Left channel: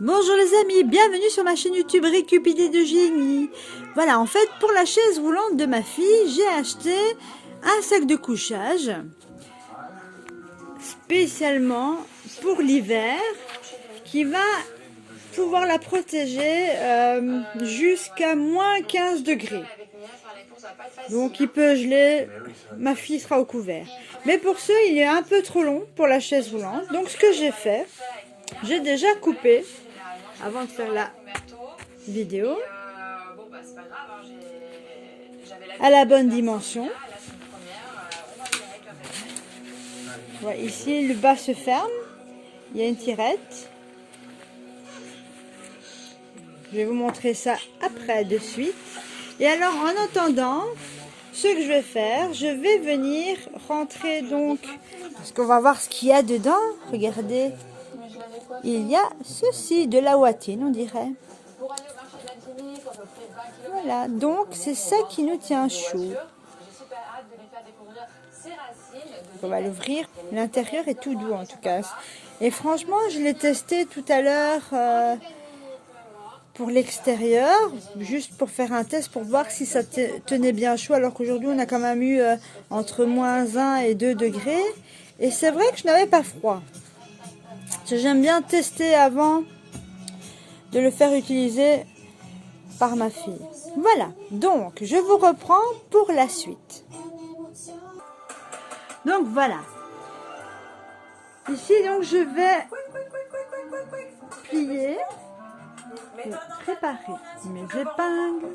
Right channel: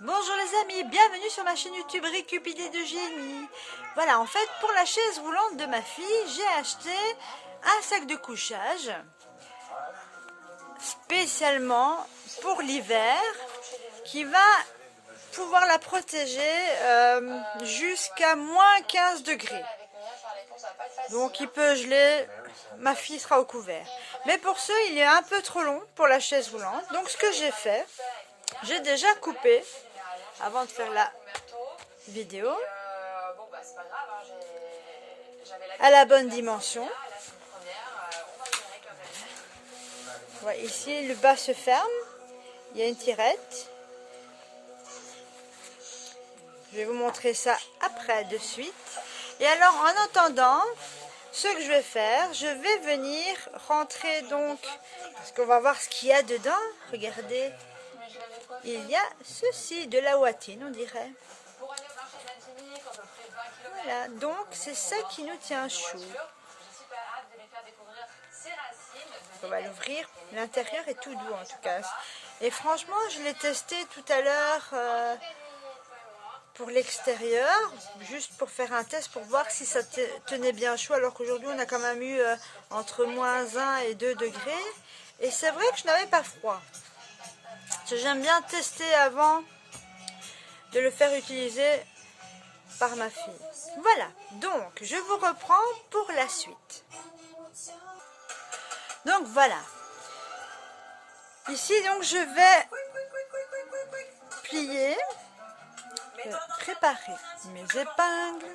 Bonjour les amis, bienvenue sur ma chaîne YouTube Récup Idées de Génie. Voilà, en fait, pour la chaise roulante de ma fille, j'ai acheté un sac de couchage spécialement pour l'hiver qui va pouvoir la protéger jusqu'à moins 15 degrés. Donc il peut geler, ma fille sera au couvert. Mais pour ce, il est un peu trop long pour la chaise roulante. Donc ce que j'ai fait, j'ai déjà coupé avant de faire la vidéo à la bonne dimension. Ouais, ici le bas se ferme, il y a une tirette. Je vais vous montrer ça après de suite. Et alors en attendant, ce que je vais faire, je vais venir rentrer donc, parce qu'on va voir ce qu'il y a dedans. Regardez, il y a ceci, de la watine on dirait. Voilà, donc c'est ça qui nous tient chaud. On va l'ouvrir, l'intérieur est tout doux en tout cas. Et franchement, je l'ai testé tout à l'heure pour l'extérieur, juste pour faire un test, pour voir si ça tenait bien chaud, alors qu'aujourd'hui on a quand même eu entre moins 1 et 2 degrés. Et c'est vrai que je n'avais pas froid. J'aime bien tester avant de le faire utiliser par ma fille. Voilà, donc je vous reprends pour la suite. Donc voilà. Ici donc je vais plier, préparer mes épingles.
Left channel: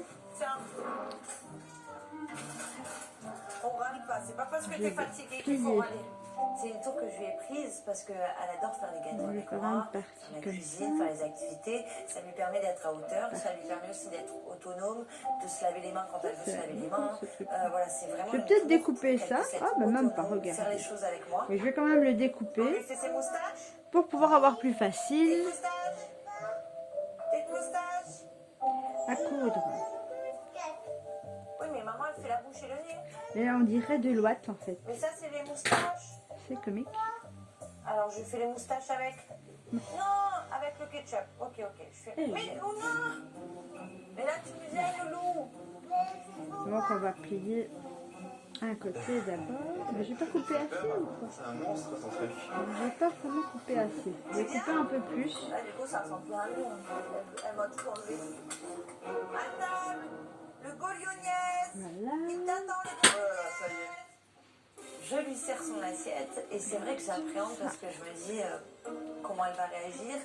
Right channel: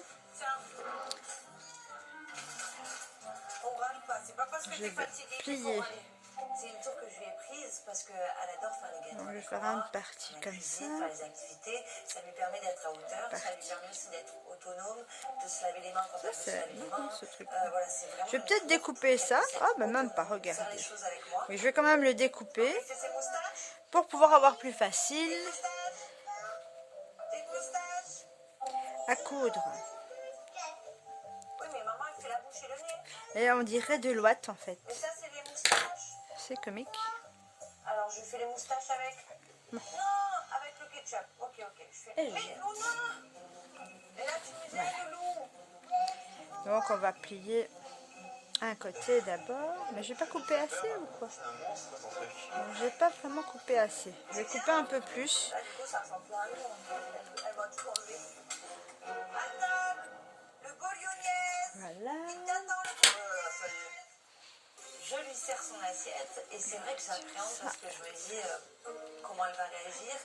Je vais plier. C'est une tour que je lui ai prise parce qu'elle adore faire les gâteaux. Je vais faire une partie comme cuisine, ça. faire les activités, ça lui permet d'être à hauteur, ça lui permet aussi d'être autonome, de se laver les mains quand elle veut se laver les mains. Voilà, c'est vraiment. Je vais peut-être découper ça. Ah, ben même pas, regardez. Mais je vais quand même le découper pour pouvoir avoir plus facile à coudre. Oui, mais maman, elle fait la bouche et le nez. Et on dirait de l'ouate en fait. Mais ça, c'est les moustaches. C'est comique. Alors, je fais les moustaches avec. Non, avec le ketchup. Ok. Je fais. Mais Luna! Et là, tu me disais le loup. Donc on va plier un côté d'abord. Mais j'ai pas coupé assez ou quoi? C'est un monstre ton truc. J'ai pas vraiment coupé assez. Je vais couper un peu plus. Là, du coup, ça ressemble plus à un loup. Elle m'a tout enlevé. À table, le bolognaise. Voilà. Il t'attend le Voilà, ça y est. Je lui sers son assiette et c'est vrai que j'appréhende parce que je me dis comment elle va réagir.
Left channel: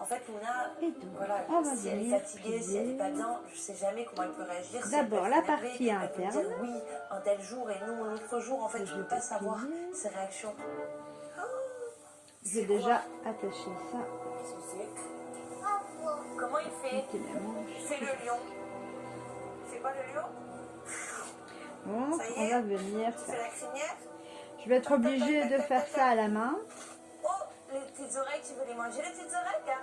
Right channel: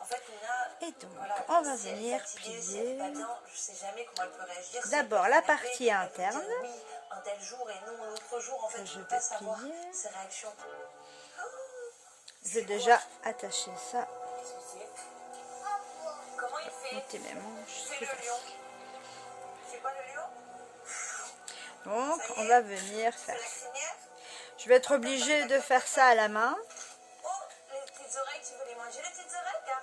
En fait, Luna, Et donc, voilà, on va si elle est venir fatiguée, si elle n'est pas bien, je ne sais jamais comment elle peut réagir. Si d'abord elle la peut être partie énervée, elle peut me interne. dire oui, un tel jour et nous, un autre jour. En fait, je ne peux pas savoir ses réactions. Je vais déjà attacher ça. Qu'est-ce que c'est? Comment il fait? Mettez mes manches. C'est le lion. C'est pas le lion? Donc, on va venir C'est faire. la crinière? Je vais être obligée de faire ça à la main. Oh, les petites oreilles, tu veux les manger, les petites oreilles, hein?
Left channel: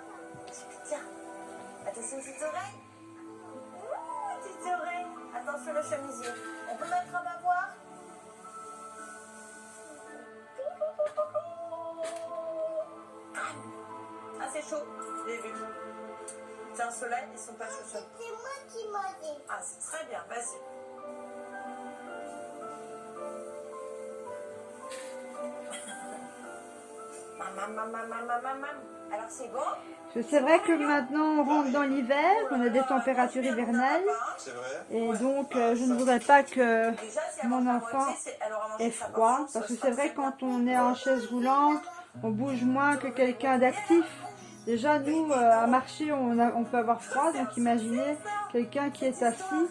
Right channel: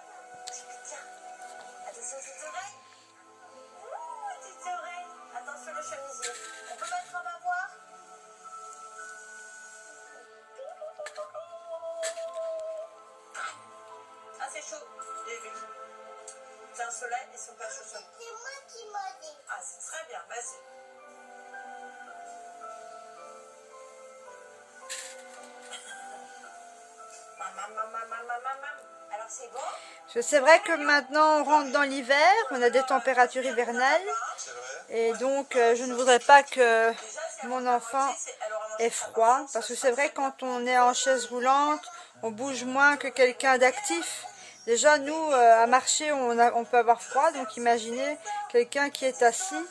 Tiens, attention aux petites oreilles. Ouh, petites oreilles. Attention le chemisier. On peut mettre un bavoir? Ah, c'est chaud, j'ai vu. C'est un soleil, ils sont pas chauds. C'est moi qui m'en dis. Ah, c'est très bien, vas-y. Alors c'est bon? C'est vrai que maintenant on rentre dans l'hiver, on a des températures hivernales. C'est vrai. Et donc je ne voudrais pas que mon enfant ait froid. Parce que c'est vrai quand on est en chaise roulante, on bouge moins que quelqu'un d'actif. Déjà nous à marcher on peut avoir froid. Donc imaginez quelqu'un qui est assis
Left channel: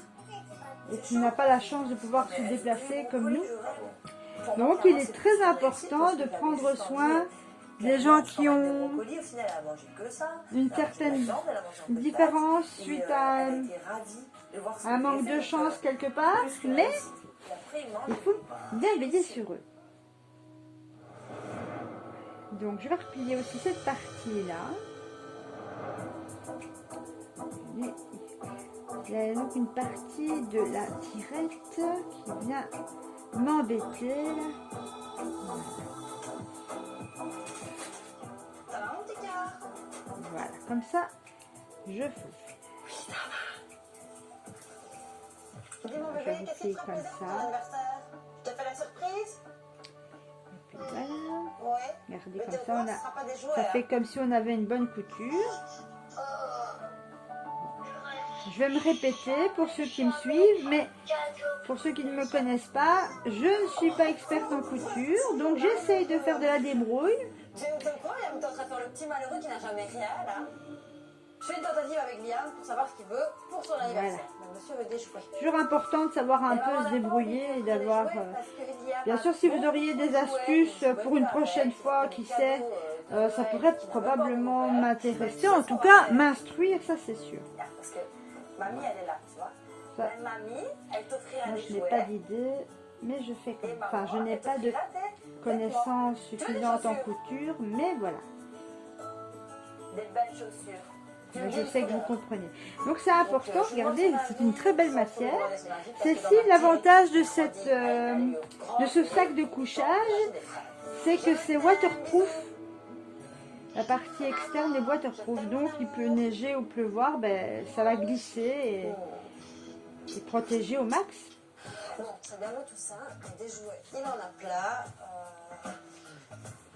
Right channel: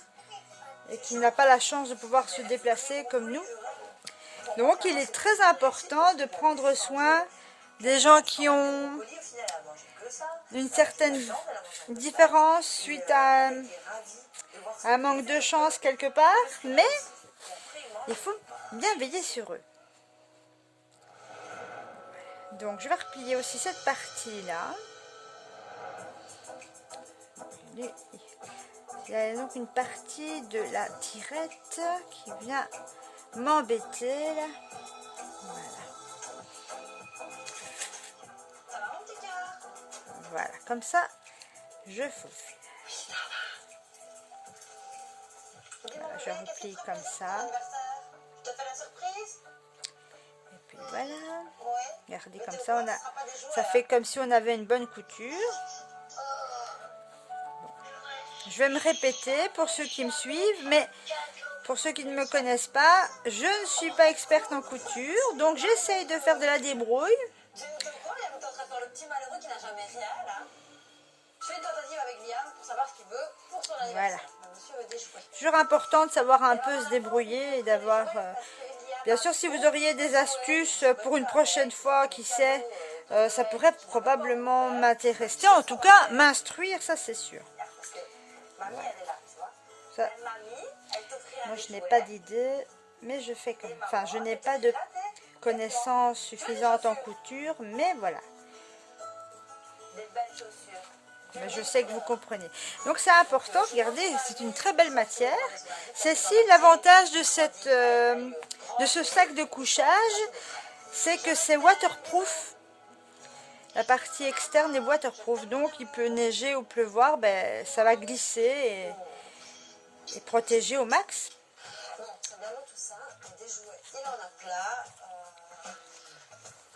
et qui n'a pas la chance de pouvoir se déplacer comme nous. Donc il est très important de prendre soin des gens qui ont une certaine différence suite à un manque de chance quelque part, mais il faut bien veiller sur eux. Donc je vais replier aussi cette partie-là. Il y a donc une partie de la tirette qui vient m'embêter là. Voilà. Voilà, comme ça, je faufile. Voilà, je vous plie comme ça. Tu as fait la surprise? Et puis voilà. Ouais. Regardez, comme ça, ça fait comme si on avait une bonne couture. Je vais me répéter pour ceux qui me suivent, mais pour ceux qui ne me connaissent pas, je ne suis pas experte en couture, donc j'essaye de faire de la débrouille. Tu me crois, Liam, t'es en train de faire le petit malheureux qui n'a jamais rien, là. Je fais une tentative avec Liam pour savoir ce qu'il veut pour son anniversaire. Voilà. Le monsieur veut d'échouer. Toujours important de savoir un peu se débrouiller et d'avoir... Bien sûr, si vous auriez des astuces pour une prochaine fois, qui sait, ça pourrait probablement m'intéresser. En tout cas, m'instruire, ça c'est sûr. Parce que mamie, elle est là, tu vois. Ça, Mamie, elle t'offrira moi, des je n'ai jouets. pas d'idée, mais je fais comme... Enfin, je n'ai pas de connaissances suffisantes en couture, mais voilà. Des belles chaussures. Mais je sais que vous comprenez. Donc c'est important, regardez, c'est une très belle matière. Ceci, l'avantage de ce sac de couchage, c'est que c'est waterproof. La partie externe est waterproof, donc il peut neiger ou pleuvoir, ben, ça va glisser et protéger au max. Non, c'est bien tout ça. Des jouets, il en a plein.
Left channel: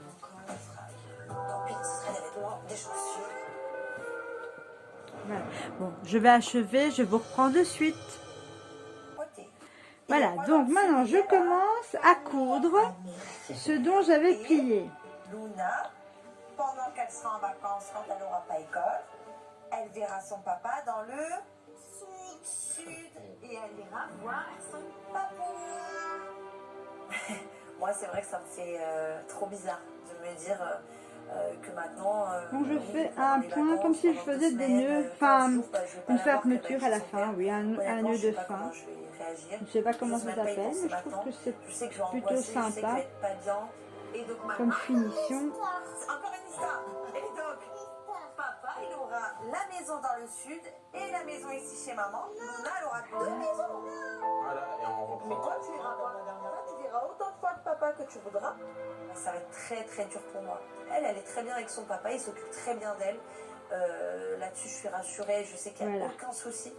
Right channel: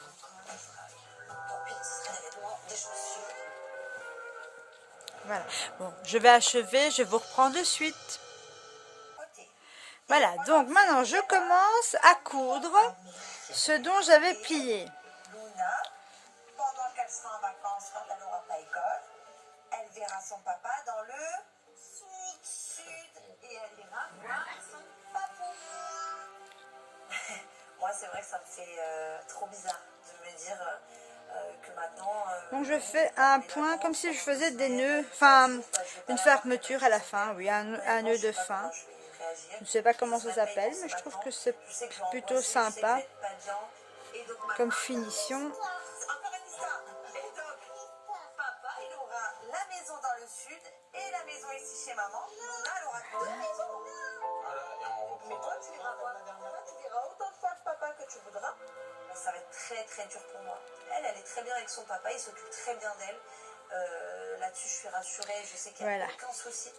Encore des frags. Tant pis, ce serait des vêtements, des chaussures. Voilà. Bon, je vais achever, je vous reprends de suite. Voilà, donc maintenant je commence à coudre ce dont j'avais plié. Luna, pendant qu'elle sera en vacances, quand elle n'aura pas école, elle verra son papa dans le sud et elle ira voir son papou. Moi, c'est vrai que ça me fait trop bizarre de me dire que maintenant... Donc je fais un point comme si je faisais des nœuds, enfin une fermeture à la fin, oui, un nœud de fin. Je ne sais pas comment ça s'appelle, mais je trouve que c'est plutôt sympa comme finition. Encore une histoire. Et donc, papa, il aura la maison dans le sud et la maison ici chez maman. Luna, elle aura deux maisons. Voilà, et on reprend. Mais toi, tu iras voir. Toi, tu diras autant de fois de papa que tu voudras. Ça va être très très dur pour moi. Elle est très bien avec son papa, il s'occupe très bien d'elle. Là-dessus, je suis rassurée, je sais qu'il n'y a aucun souci.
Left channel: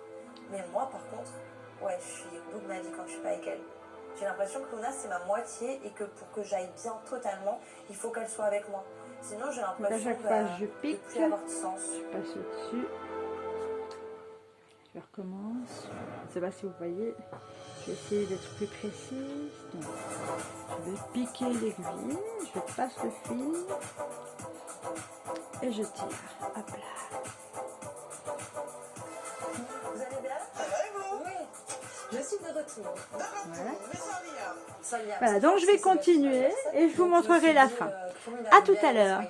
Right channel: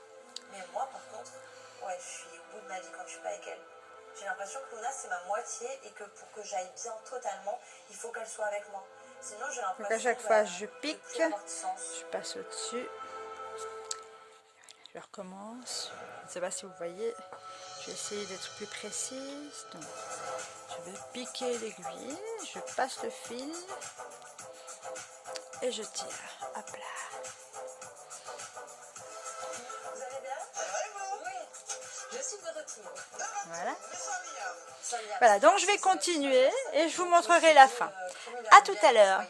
Mais moi, par contre, ouais, je suis au bout de ma vie quand je suis pas avec elle. J'ai l'impression que Luna, c'est ma moitié et que pour que j'aille bien totalement, il faut qu'elle soit avec moi. Sinon, j'ai l'impression à chaque fois, je pique, je passe au-dessus. Je recommence. Je ne sais pas si vous voyez. Je vais essayer d'être plus précise. Donc, je vais piquer l'aiguille, je passe le fil et je tire. Hop là. Vous allez bien? Oui. Je suis de retour. Voilà. Voilà, donc je vais continuer et je vous montrerai la fin. À tout à l'heure.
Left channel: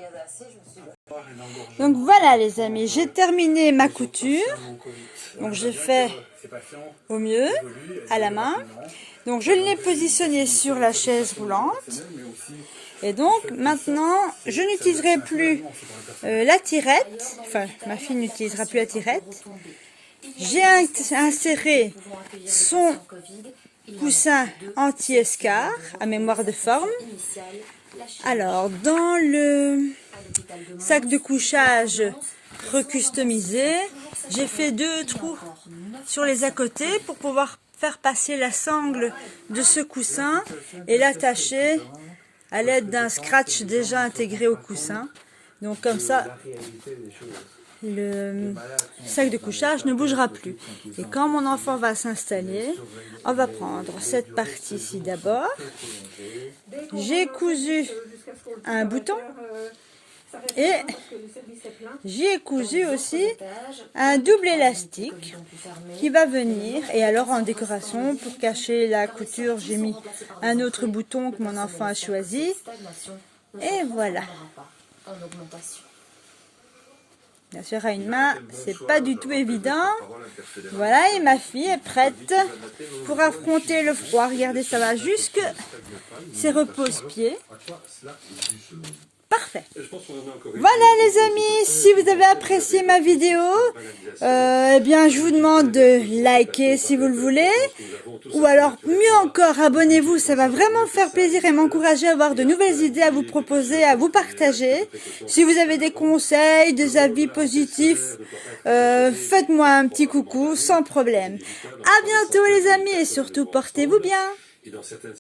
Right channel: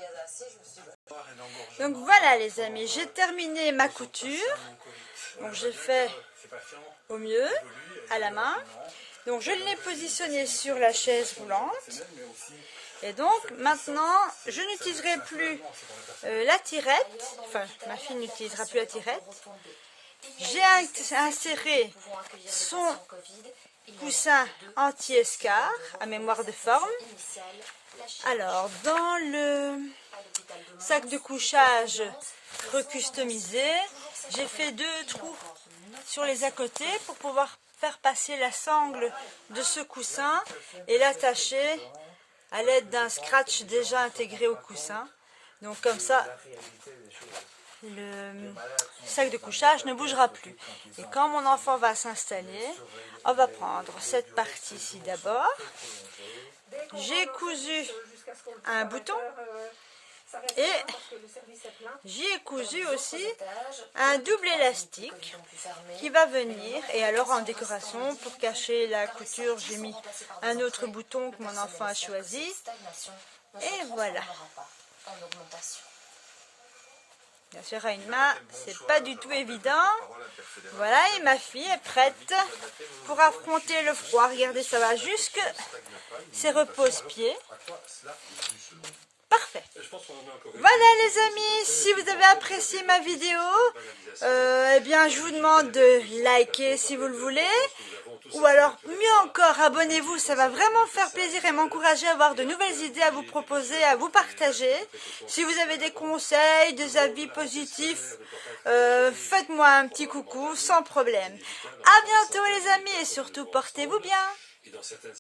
Donc voilà les amis, j'ai terminé ma couture. Donc j'ai fait au mieux à la main. Donc je l'ai positionné sur la chaise roulante. Et donc maintenant je n'utiliserai plus la tirette. Enfin ma fille n'utilisera plus la tirette. J'ai inséré son coussin anti-escar à mémoire de forme. Alors dans le sac de couchage recustomisé, j'ai fait 2 trous sur les à-côtés pour pouvoir faire passer la sangle de ce coussin et l'attacher à l'aide d'un scratch déjà intégré au coussin. Donc comme ça, le sac de couchage ne bougera plus. Et quand mon enfant va s'installer, on va prendre cette partie-ci d'abord. J'ai cousu un bouton et j'y ai cousu aussi un double élastique qui va venir. Et alors en décoration, pour cacher la couture, j'ai mis un autre bouton que mon enfant a choisi. Et voilà. Bien sûr, à une main, c'est pas du tout évident. Voilà, et ma fille est prête pour affronter le froid. Regardez, ça va jusque ses repose-pieds. Parfait. parfait. Voilà les amis, si vous avez apprécié ma vidéo, eh bien je vous demande de liker si vous le voulez. Ou alors, mieux encore, abonnez-vous, ça va vraiment faire plaisir et m'encourager à avoir de nouvelles idées à vous proposer, à vous partager. Si vous avez des conseils, des avis positifs, faites-moi un petit coucou, sans problème. À bientôt les amis et surtout, portez-vous bien.